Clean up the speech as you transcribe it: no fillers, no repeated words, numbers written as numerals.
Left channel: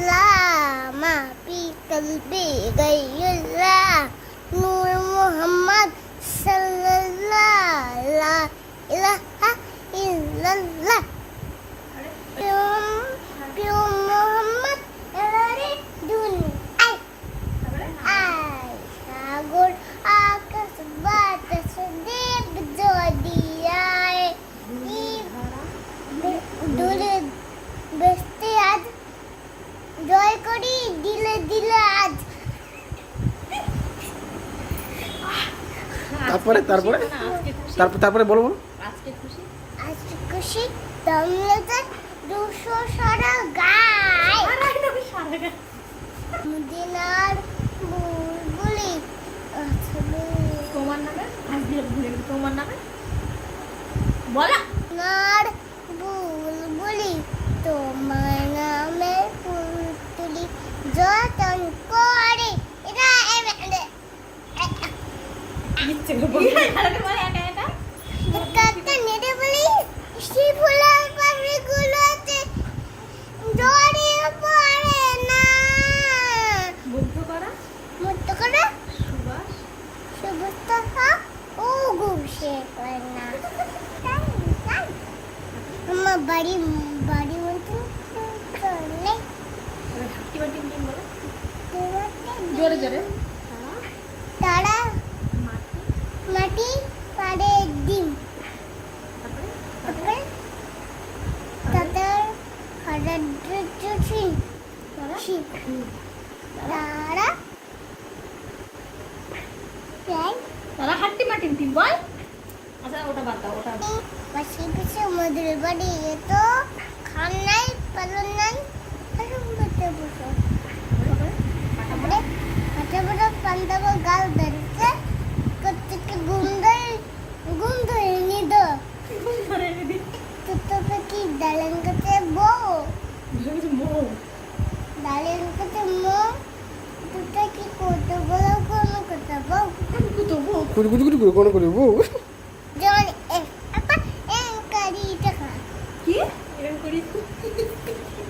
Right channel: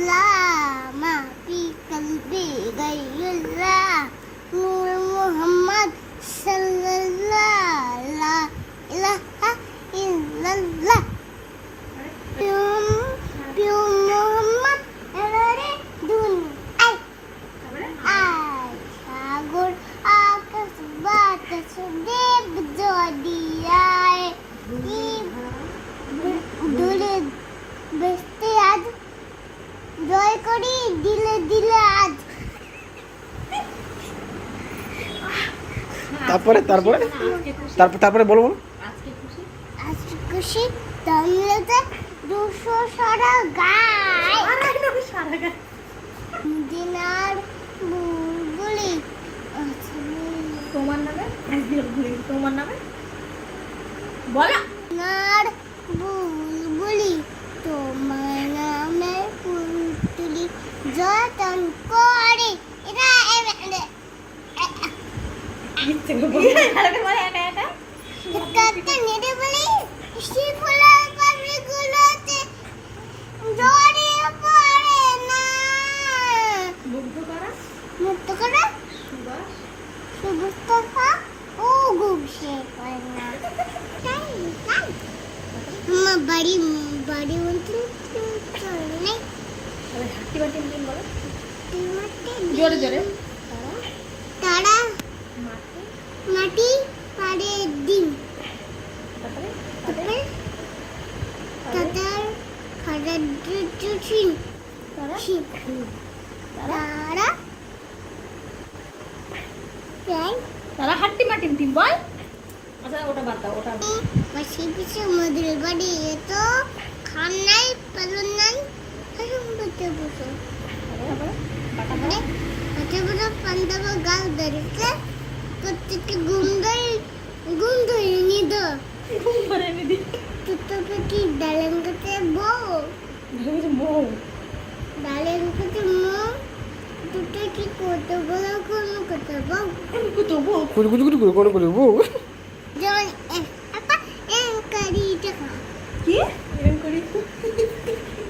لا ما في قلبي غير الله نور محمد صلى الله لا إله إلا الله প্রিয় মোহাম্মদ এলারে দুনিয়ায় আয় সাগর আকাশ বাতাস দেব জদিয়ায় দূরে বেস্তে আজ জয় করি দিলে দিলে আজ তারপরে বলো আজকে খুশি তাহলে 200 সারা গায় মদিনার বুলবুলি তোমার নামে তোমার নামে বলা নার বুলবুলি তোমার নামে ফুল তুলি যতন করে এটা ইচ্ছে করে বলে একা একা একটা নেড়ে বলি সে ফুলের পাপড়িগুলোতে জড়ে পড়ে না মুগ্ধ করা মুক্ত করে সুবাস সুবস্ততা ও ঘুমছে পায় না আমার বাড়ি মতন চলে হাঁটি বাটি মিটিং বলে জোরে জোরে জোরে তারা মাটি পাড়ে ডিম তারপরে তাদের খাবার চিন তারা তারা হাঁটি মাটিং টিম বল আচ্ছা ওটা বাদ দাও ওটা পাশে পিছে মধুর বাড়ি তো খান নাই পালন নাই হাসুম করতে বসো তারপরে হাতে বড় পান্তাব গাল ধরেছে প্রত্যেককে ঘুম ধরে নিদ ঘুম ধরে নিদি তুতো পাখি ডালেন কাছে বউ ভেবেছি মৌ ডালেন কাছে মো দুটা কি করতে বলো কোনো কথা বউ কোন কুতো বউ কুচু কুচু করে বউ